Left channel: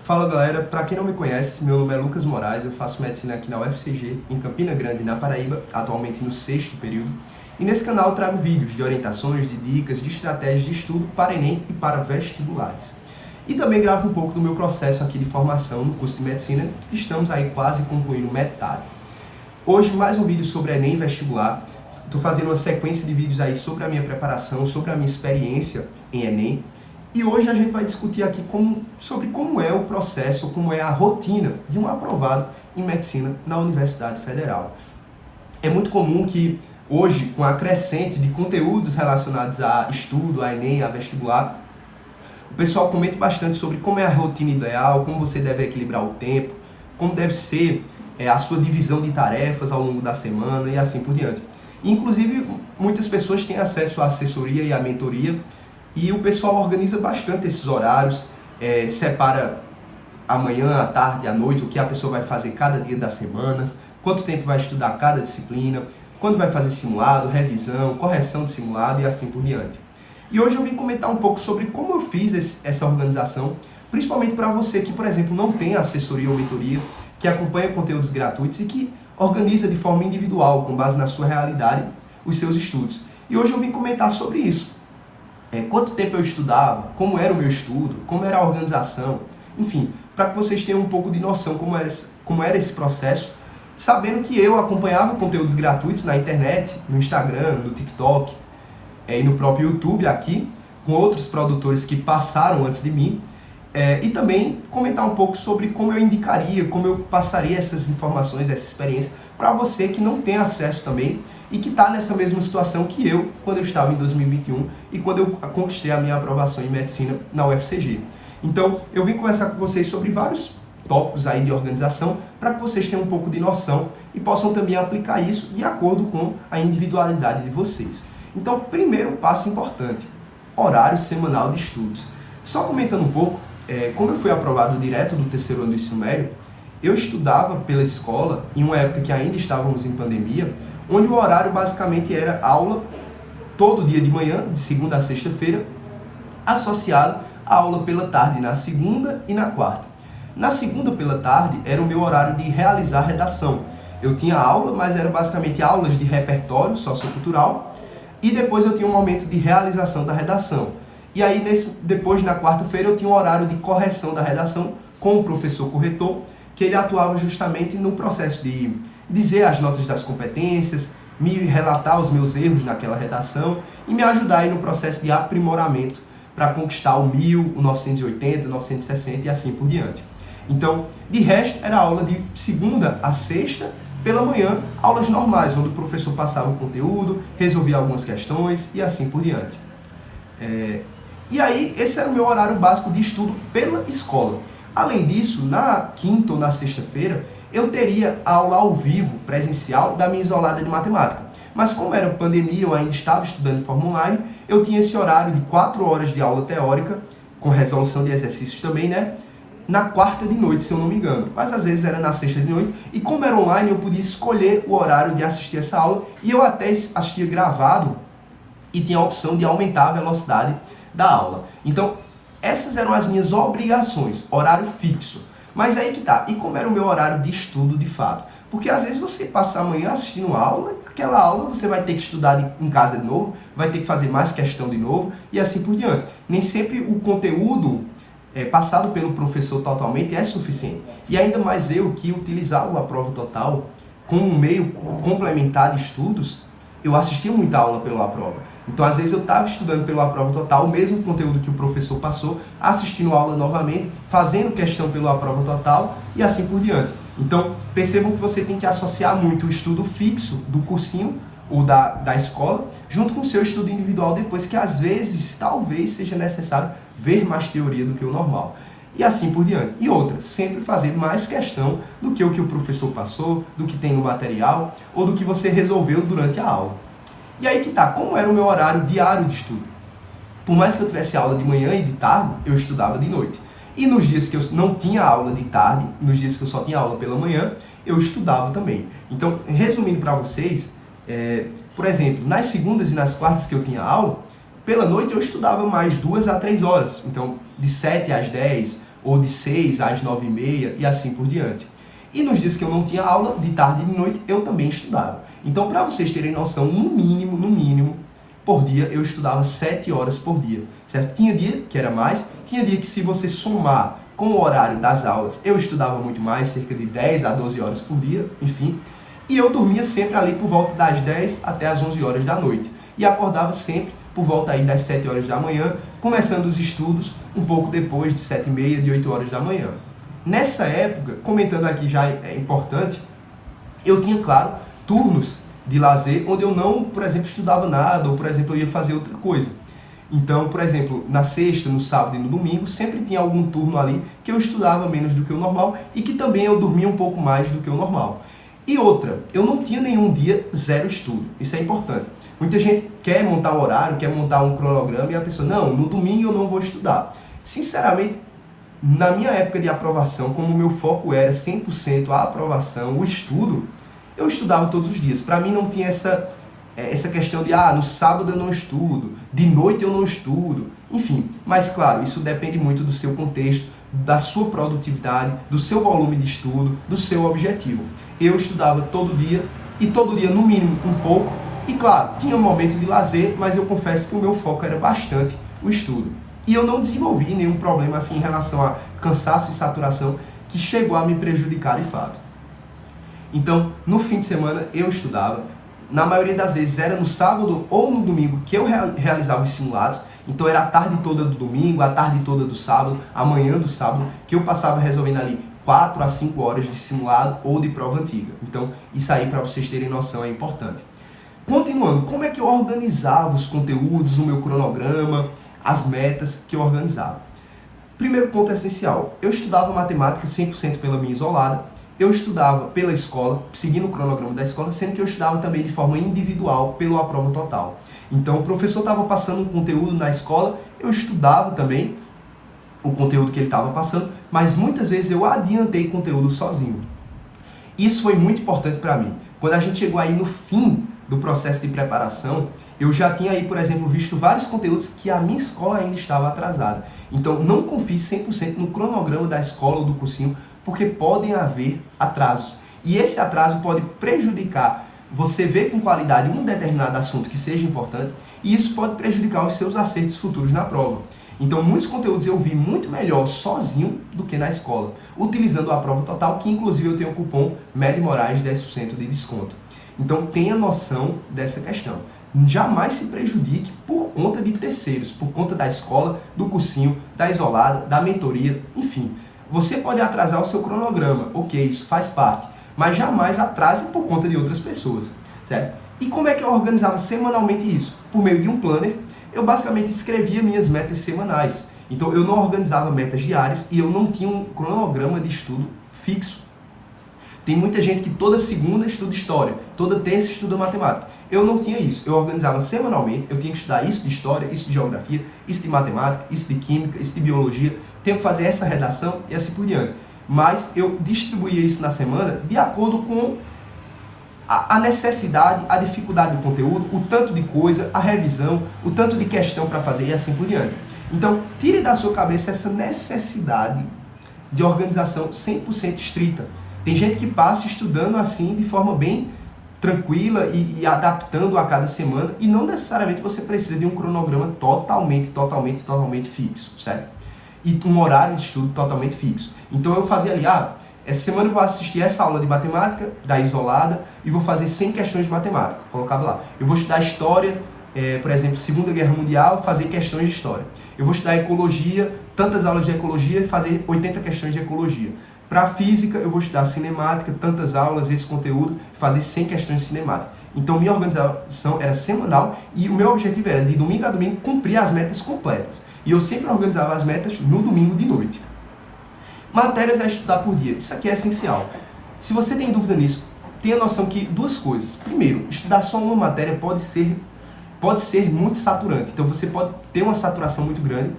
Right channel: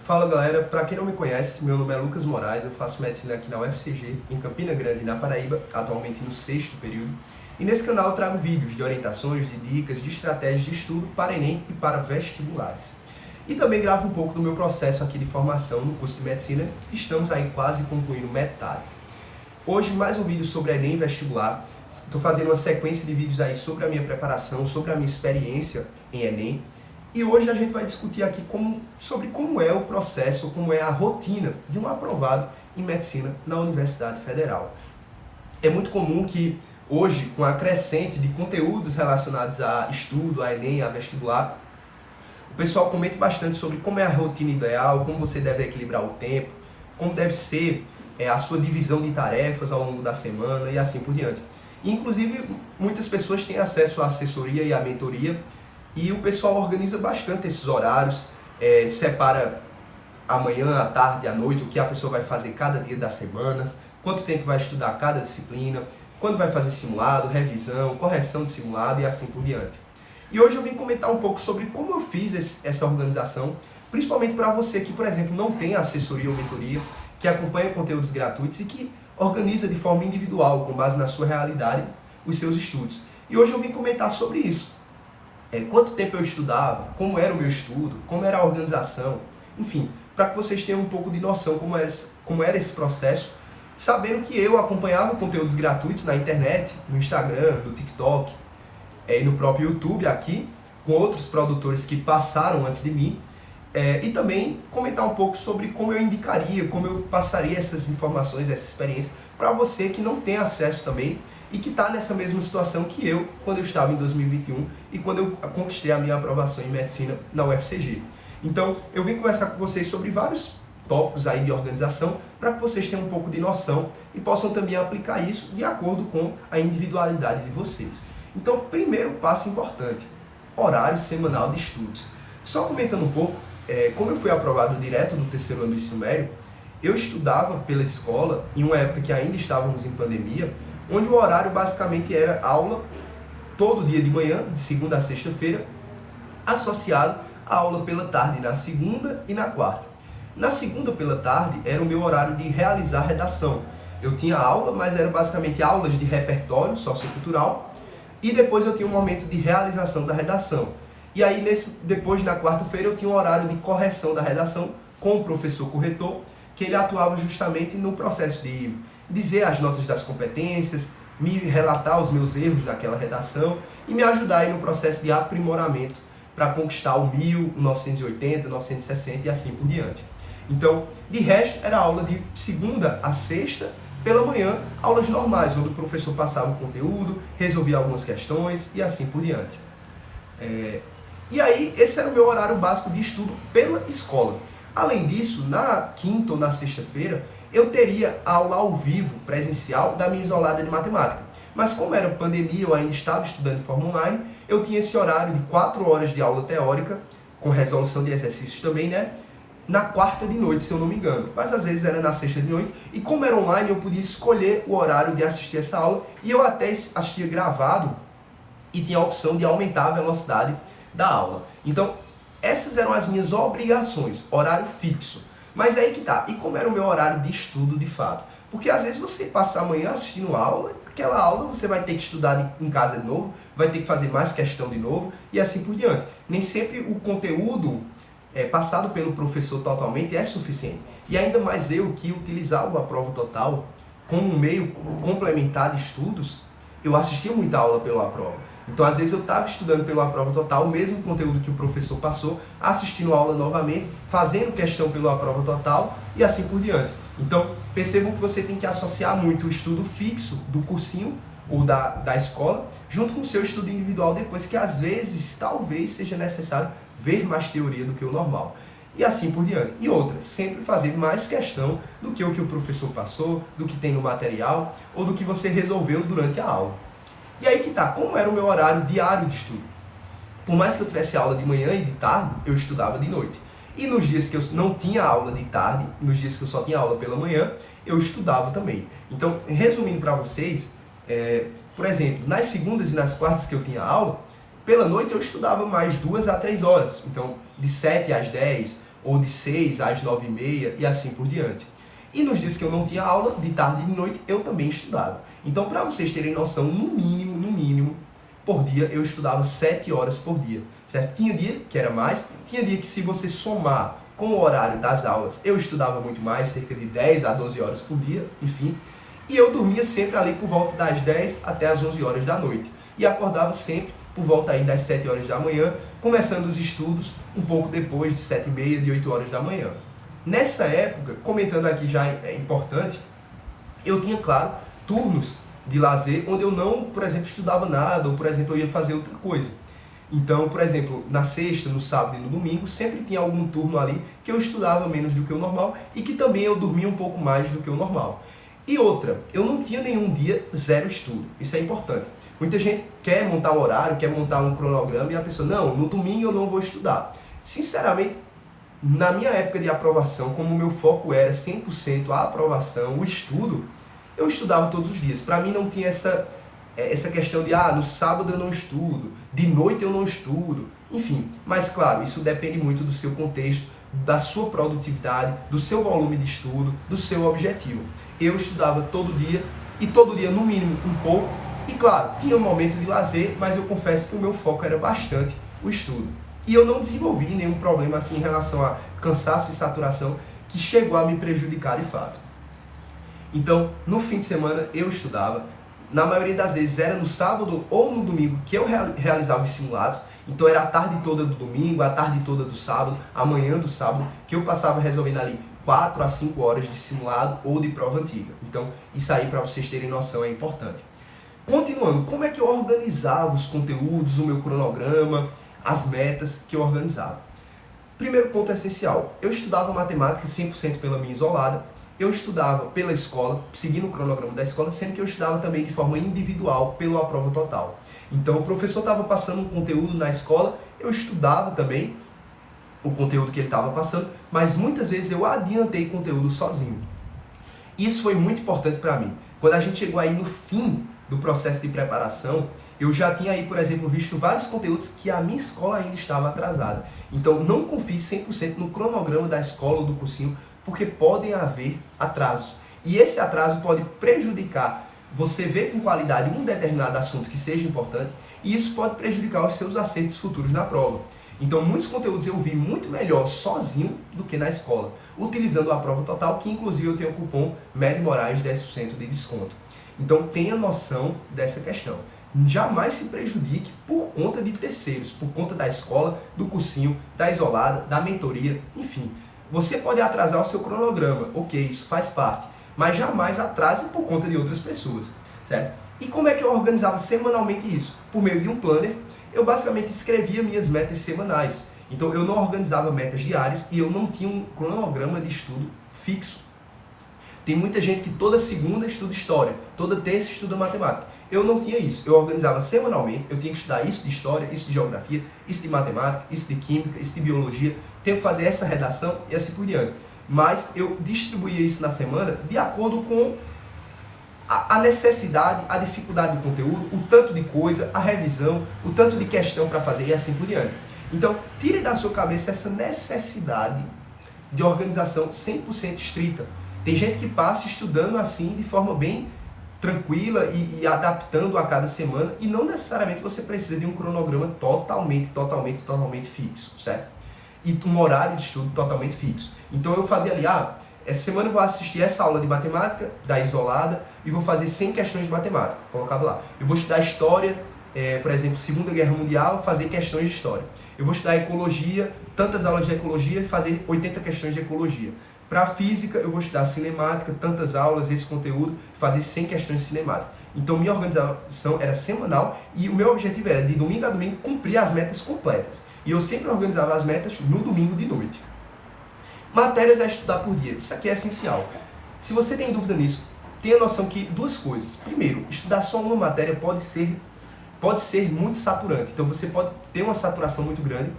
Fala galera, para quem não me conhece, meu nome é Lucas Moraes, eu faço medicina aqui na UFCG, em Campina Grande, na Paraíba, atualmente no 6º período. E nesse canal eu trago vídeos de orientações, de dicas, de estratégias de estudo para Enem e para vestibulares. E também gravo um pouco do meu processo aqui de formação no curso de medicina, estamos aí quase concluindo metade. Hoje mais um vídeo sobre Enem e vestibular. Estou fazendo uma sequência de vídeos aí sobre a minha preparação, sobre a minha experiência em Enem. E hoje a gente vai discutir aqui sobre como é o processo, como é a rotina de um aprovado em medicina na Universidade Federal. É muito comum que hoje, com a crescente de conteúdos relacionados a estudo, a Enem, a vestibular, o pessoal comenta bastante sobre como é a rotina ideal, como você deve equilibrar o tempo, como deve ser a sua divisão de tarefas ao longo da semana e assim por diante. Inclusive, muitas pessoas têm acesso à assessoria e à mentoria, e o pessoal organiza bastante esses horários, separa a manhã, a tarde, a noite, o que a pessoa vai fazer cada dia da semana, quanto tempo vai estudar cada disciplina, quando vai fazer simulado, revisão, correção de simulado e assim por diante. E hoje eu vim comentar um pouco sobre como eu fiz essa organização, principalmente para você que, por exemplo, não tem assessoria ou mentoria, que acompanha conteúdos gratuitos e que organiza de forma individual, com base na sua realidade, os seus estudos. E hoje eu vim comentar sobre isso. Quanto tempo eu estudava, como era o meu estudo, como era a organização, enfim, para que vocês tenham um pouco de noção como era esse processo, sabendo que eu acompanhava conteúdos gratuitos na internet, no Instagram, no TikTok e no próprio YouTube aqui, com outros produtores que passaram antes de mim, e também comentar um pouco sobre como eu indicaria, como eu passaria essas informações, essa experiência, para você que não tem acesso também, e que está nessa mesma situação que eu, quando eu estava em 2021 e quando eu conquistei a minha aprovação em medicina na UFCG. Então, eu vim conversar com vocês sobre vários tópicos aí de organização, para que vocês tenham um pouco de noção e possam também aplicar isso de acordo com a individualidade de vocês. Então, primeiro passo importante, horário semanal de estudos. Só comentando um pouco, como eu fui aprovado direto do 3º ano do ensino médio, eu estudava pela escola, em uma época que ainda estávamos em pandemia, onde o horário basicamente era aula todo dia de manhã, de segunda a sexta-feira, associado à aula pela tarde na segunda e na quarta. Na segunda pela tarde era o meu horário de realizar redação. Eu tinha aula, mas eram basicamente aulas de repertório sociocultural, e depois eu tinha um momento de realização da redação. E aí, depois, na quarta-feira, eu tinha um horário de correção da redação com o professor corretor, que ele atuava justamente no processo de dizer as notas das competências, me relatar os meus erros naquela redação e me ajudar aí no processo de aprimoramento para conquistar o 1000, o 980, o 960 e assim por diante. Então, de resto, era aula de segunda a sexta, pela manhã, aulas normais, onde o professor passava o conteúdo, resolvia algumas questões e assim por diante. E aí, esse era o meu horário básico de estudo pela escola. Além disso, na quinta ou na sexta-feira, eu teria aula ao vivo, presencial, da minha isolada de matemática. Mas como era pandemia, eu ainda estava estudando de forma online, eu tinha esse horário de 4 horas de aula teórica, com resolução de exercícios também, né? Na quarta de noite, se eu não me engano. Mas às vezes era na sexta de noite. E como era online, eu podia escolher o horário de assistir essa aula. E eu até assistia gravado e tinha a opção de aumentar a velocidade da aula. Então, essas eram as minhas obrigações, horário fixo. Mas aí que tá, e como era o meu horário de estudo de fato? Porque às vezes você passa a manhã assistindo aula, e aquela aula você vai ter que estudar em casa de novo, vai ter que fazer mais questão de novo, e assim por diante. Nem sempre o conteúdo passado pelo professor totalmente é suficiente. E ainda mais eu que utilizava a prova total como um meio complementar de estudos, eu assistia muita aula pela prova. Então, às vezes, eu estava estudando pela prova total, o mesmo conteúdo que o professor passou, assistindo a aula novamente, fazendo questão pela prova total e assim por diante. Então, percebam que você tem que associar muito o estudo fixo do cursinho ou da escola, junto com o seu estudo individual depois, que às vezes, talvez, seja necessário ver mais teoria do que o normal. E assim por diante. E outra, sempre fazer mais questão do que o professor passou, do que tem no material, ou do que você resolveu durante a aula. E aí que tá, como era o meu horário diário de estudo? Por mais que eu tivesse aula de manhã e de tarde, eu estudava de noite. E nos dias que eu não tinha aula de tarde, nos dias que eu só tinha aula pela manhã, eu estudava também. Então, resumindo para vocês, por exemplo, nas segundas e nas quartas que eu tinha aula, pela noite eu estudava mais 2 a 3 horas. Então, de 7 às 10, ou de 6 às 9h30 e assim por diante. E nos dias que eu não tinha aula, de tarde e de noite, eu também estudava. Então, para vocês terem noção, no mínimo, por dia, eu estudava 7 horas por dia, certo? Tinha dia que era mais, tinha dia que se você somar com o horário das aulas, eu estudava muito mais, cerca de 10 a 12 horas por dia, enfim. E eu dormia sempre ali por volta das 10 até as 11 horas da noite. E acordava sempre por volta aí das 7 horas da manhã, começando os estudos um pouco depois de 7h30, de 8 horas da manhã. Nessa época, comentando aqui já é importante, eu tinha, claro, turnos de lazer onde eu não, por exemplo, estudava nada, ou, por exemplo, eu ia fazer outra coisa. Então, por exemplo, na sexta, no sábado e no domingo, sempre tinha algum turno ali que eu estudava menos do que o normal e que também eu dormia um pouco mais do que o normal. E outra, eu não tinha nenhum dia zero estudo. Isso é importante. Muita gente quer montar um horário, quer montar um cronograma e a pessoa, não, no domingo eu não vou estudar. Sinceramente, na minha época de aprovação, como o meu foco era 100% a aprovação, o estudo, eu estudava todos os dias. Para mim não tinha essa questão de, no sábado eu não estudo, de noite eu não estudo, enfim. Mas claro, isso depende muito do seu contexto, da sua produtividade, do seu volume de estudo, do seu objetivo. Eu estudava todo dia, e todo dia no mínimo um pouco, e claro, tinha um momento de lazer, mas eu confesso que o meu foco era bastante o estudo. E eu não desenvolvi nenhum problema assim em relação a cansaço e saturação que chegou a me prejudicar de fato. Então, no fim de semana eu estudava. Na maioria das vezes era no sábado ou no domingo que eu realizava os simulados. Então era a tarde toda do domingo, a tarde toda do sábado, a manhã do sábado, que eu passava resolvendo ali 4 a 5 horas de simulado ou de prova antiga. Então, isso aí, para vocês terem noção, é importante. Continuando, como é que eu organizava os conteúdos, o meu cronograma, as metas que eu organizava? Primeiro ponto essencial, eu estudava matemática 100% pela minha isolada, eu estudava pela escola, seguindo o cronograma da escola, sendo que eu estudava também de forma individual pelo A Prova Total. Então o professor estava passando um conteúdo na escola, eu estudava também o conteúdo que ele estava passando, mas muitas vezes eu adiantei conteúdo sozinho. Isso foi muito importante para mim. Quando a gente chegou aí no fim do processo de preparação, eu já tinha aí, por exemplo, visto vários conteúdos que a minha escola ainda estava atrasada. Então não confie 100% no cronograma da escola ou do cursinho, porque podem haver atrasos. E esse atraso pode prejudicar você ver com qualidade um determinado assunto que seja importante, e isso pode prejudicar os seus acertos futuros na prova. Então, muitos conteúdos eu vi muito melhor sozinho do que na escola, utilizando a Prova Total, que inclusive eu tenho o cupom MED Moraes 10% de desconto. Então, tenha noção dessa questão. Jamais se prejudique por conta de terceiros, por conta da escola, do cursinho, da isolada, da mentoria, enfim. Você pode atrasar o seu cronograma, ok, isso faz parte, mas jamais atrase por conta de outras pessoas, certo? E como é que eu organizava semanalmente isso? Por meio de um planner, eu basicamente escrevia minhas metas semanais. Então eu não organizava metas diárias e eu não tinha um cronograma de estudo fixo. Tem muita gente que toda segunda estuda história, toda terça estuda matemática. Eu não tinha isso. Eu organizava semanalmente, eu tinha que estudar isso de história, isso de geografia, isso de matemática, isso de química, isso de biologia. Tenho que fazer essa redação e assim por diante. Mas eu distribuía isso na semana de acordo com a necessidade, a dificuldade do conteúdo, o tanto de coisa, a revisão, o tanto de questão para fazer e assim por diante. Então, tire da sua cabeça essa necessidade de organização 100% estrita. Tem gente que passa estudando assim de forma bem tranquila e adaptando a cada semana, e não necessariamente você precisa de um cronograma totalmente fixo, certo? E um horário de estudo totalmente fixo. Então eu fazia ali, essa semana eu vou assistir essa aula de matemática, da isolada, e vou fazer 100 questões de matemática. Colocava lá. Eu vou estudar história, por exemplo, Segunda Guerra Mundial, fazer questões de história. Eu vou estudar ecologia, tantas aulas de ecologia, e fazer 80 questões de ecologia. Para física, eu vou estudar cinemática, tantas aulas, esse conteúdo, fazer 100 questões de cinemática. Então, minha organização era semanal e o meu objetivo era, de domingo a domingo, cumprir as metas completas. E eu sempre organizava as metas no domingo de noite. Matérias a estudar por dia. Isso aqui é essencial. Se você tem dúvida nisso, tenha noção que duas coisas. Primeiro, estudar só uma matéria pode ser muito saturante. Então, você pode ter uma saturação muito grande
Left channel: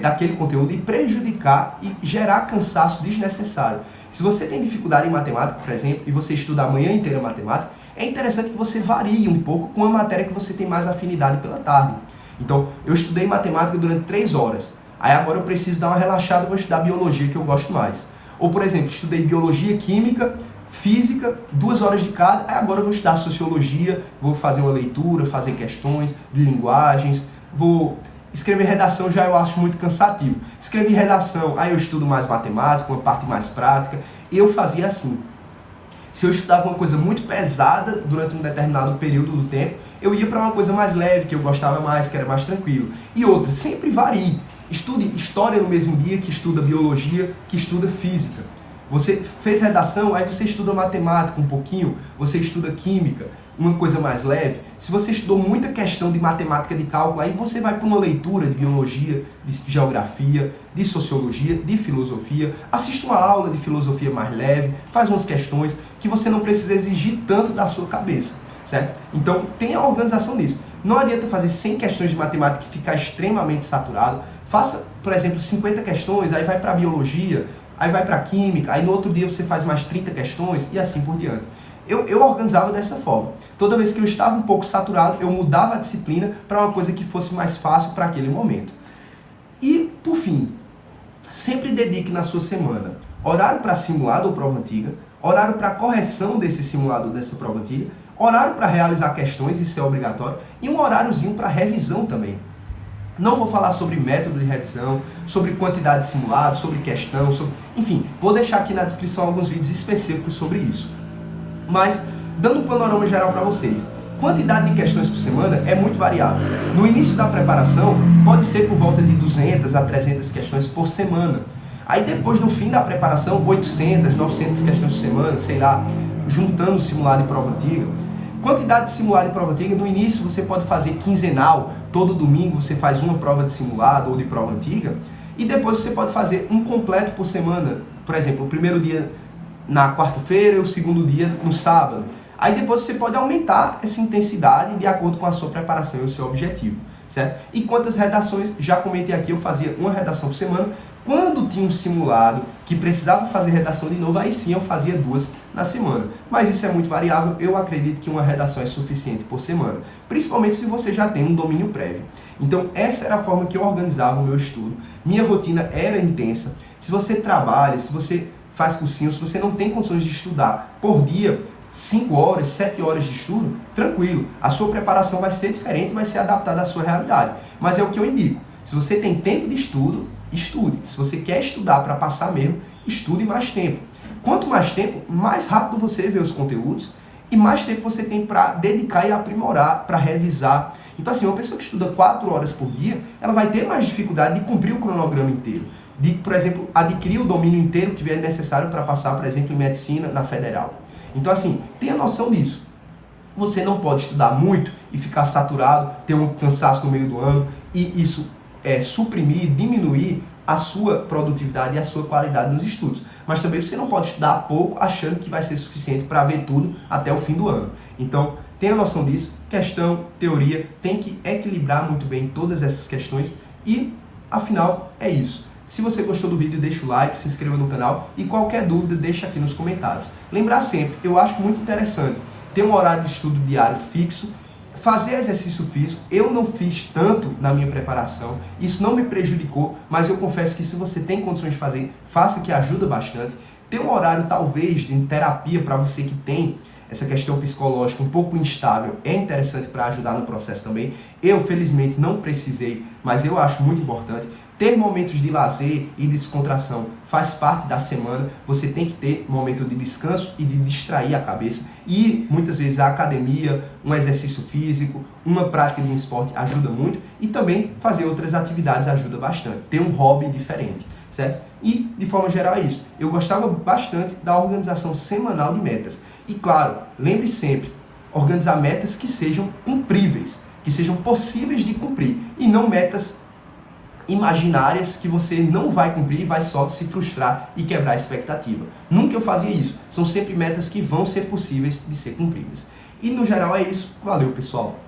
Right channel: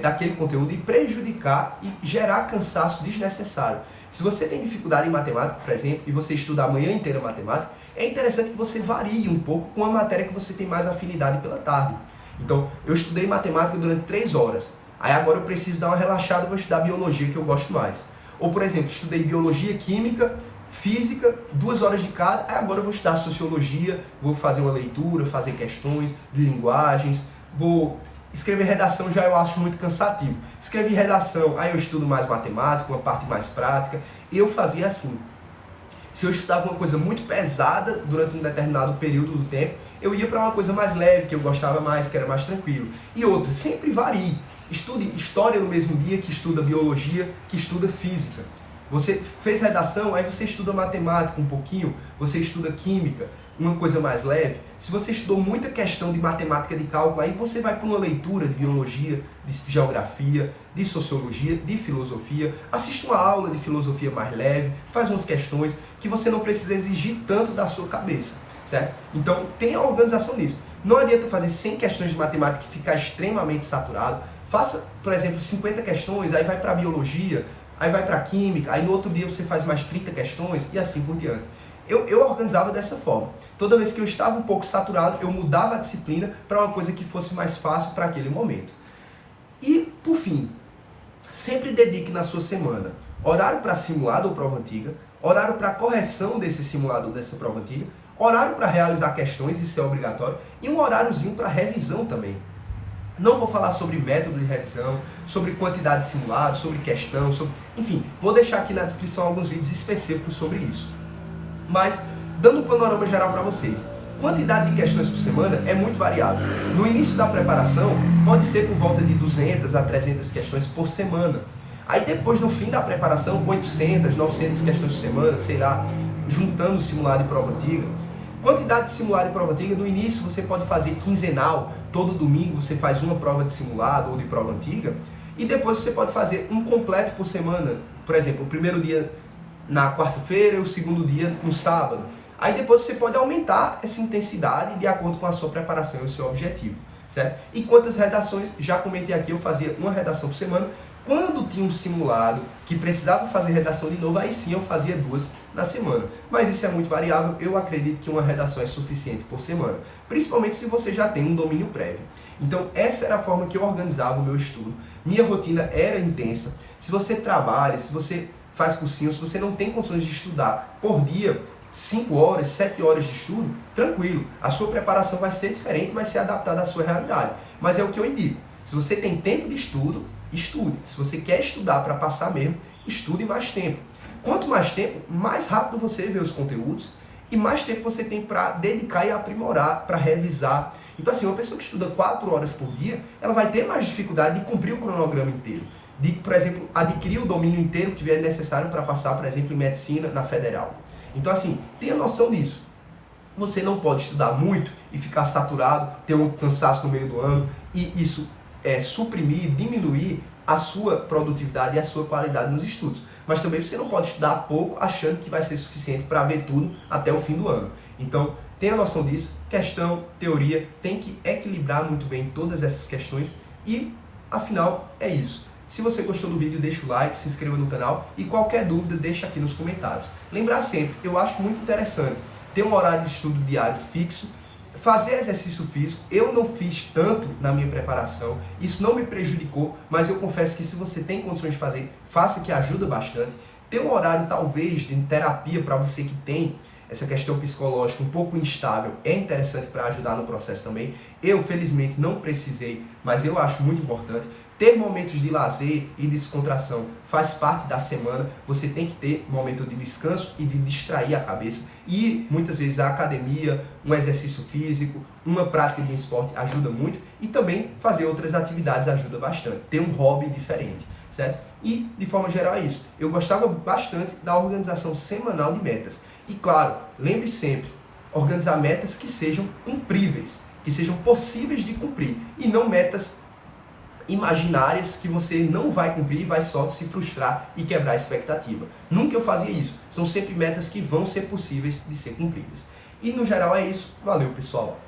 daquele conteúdo e prejudicar e gerar cansaço desnecessário. Se você tem dificuldade em matemática, por exemplo, e você estuda a manhã inteira matemática, é interessante que você varie um pouco com a matéria que você tem mais afinidade pela tarde. Então, eu estudei matemática durante 3 horas. Aí agora eu preciso dar uma relaxada, vou estudar biologia, que eu gosto mais. Ou, por exemplo, estudei biologia, química, física, 2 horas de cada, aí agora eu vou estudar sociologia, vou fazer uma leitura, fazer questões de linguagens, vou escrever redação, já eu acho muito cansativo. Escrever redação, aí eu estudo mais matemática, uma parte mais prática, e eu fazia assim. Se eu estudava uma coisa muito pesada durante um determinado período do tempo, eu ia para uma coisa mais leve, que eu gostava mais, que era mais tranquilo. E outra, sempre varie. Estude história no mesmo dia que estuda biologia, que estuda física. Você fez redação, aí você estuda matemática um pouquinho, você estuda química, uma coisa mais leve. Se você estudou muita questão de matemática de cálculo, aí você vai para uma leitura de biologia, de geografia, de sociologia, de filosofia, assiste uma aula de filosofia mais leve, faz umas questões que você não precisa exigir tanto da sua cabeça, certo? Então, tenha organização nisso. Não adianta fazer 100 questões de matemática e ficar extremamente saturado. Faça, por exemplo, 50 questões, aí vai para biologia, aí vai para química, aí no outro dia você faz mais 30 questões e assim por diante. Eu organizava dessa forma. Toda vez que eu estava um pouco saturado, eu mudava a disciplina para uma coisa que fosse mais fácil para aquele momento. E, por fim, sempre dedique na sua semana horário para simulado ou prova antiga, horário para correção desse simulado ou dessa prova antiga, horário para realizar questões, isso é obrigatório, e um horáriozinho para revisão também. Não vou falar sobre método de revisão, sobre quantidade de simulado, sobre questão, enfim, vou deixar aqui na descrição alguns vídeos específicos sobre isso. Mas, dando um panorama geral para vocês, quantidade de questões por semana é muito variável. No início da preparação, pode ser por volta de 200 a 300 questões por semana. Aí depois, no fim da preparação, 800, 900 questões por semana, sei lá, juntando simulado e prova antiga. Quantidade de simulado e prova antiga, no início você pode fazer quinzenal, todo domingo você faz uma prova de simulado ou de prova antiga, e depois você pode fazer um completo por semana, por exemplo, o primeiro dia na quarta-feira e o segundo dia no sábado. Aí depois você pode aumentar essa intensidade de acordo com a sua preparação e o seu objetivo, certo? E quantas redações, já comentei aqui, eu fazia uma redação por semana. Quando tinha um simulado que precisava fazer redação de novo, aí sim eu fazia 2 na semana. Mas isso é muito variável, eu acredito que uma redação é suficiente por semana, principalmente se você já tem um domínio prévio. Então essa era a forma que eu organizava o meu estudo. Minha rotina era intensa. Se você trabalha, se você faz cursinho, se você não tem condições de estudar por dia, 5 horas, 7 horas de estudo, tranquilo. A sua preparação vai ser diferente, vai ser adaptada à sua realidade. Mas é o que eu indico. Se você tem tempo de estudo, estude. Se você quer estudar para passar mesmo, estude mais tempo. Quanto mais tempo, mais rápido você vê os conteúdos e mais tempo você tem para dedicar e aprimorar, para revisar. Então assim, uma pessoa que estuda 4 horas por dia, ela vai ter mais dificuldade de cumprir o cronograma inteiro. De, por exemplo, adquirir o domínio inteiro que é necessário para passar, por exemplo, em medicina na federal. Então assim, tenha noção disso. Você não pode estudar muito e ficar saturado, ter um cansaço no meio do ano e isso suprimir, diminuir a sua produtividade e a sua qualidade nos estudos. Mas também você não pode estudar pouco achando que vai ser suficiente para ver tudo até o fim do ano. Então, tenha noção disso. Questão, teoria, tem que equilibrar muito bem todas essas questões e, afinal, é isso. Se você gostou do vídeo, deixa o like, se inscreva no canal e qualquer dúvida, deixa aqui nos comentários. Lembrar sempre, eu acho muito interessante ter um horário de estudo diário fixo, fazer exercício físico. Eu não fiz tanto na minha preparação, isso não me prejudicou, mas eu confesso que se você tem condições de fazer, faça, que ajuda bastante. Ter um horário talvez de terapia para você que tem essa questão psicológica um pouco instável é interessante para ajudar no processo também. Eu, felizmente, não precisei, mas eu acho muito importante. Ter momentos de lazer e descontração faz parte da semana. Você tem que ter momento de descanso e de distrair a cabeça. E muitas vezes a academia, um exercício físico, uma prática de um esporte ajuda muito. E também fazer outras atividades ajuda bastante. Ter um hobby diferente, certo? E, de forma geral, é isso. Eu gostava bastante da organização semanal de metas. E, claro, lembre sempre, organizar metas que sejam cumpríveis, que sejam possíveis de cumprir. E não metas imaginárias que você não vai cumprir e vai só se frustrar e quebrar a expectativa. Nunca eu fazia isso. São sempre metas que vão ser possíveis de ser cumpridas. E no geral é isso. Valeu, pessoal!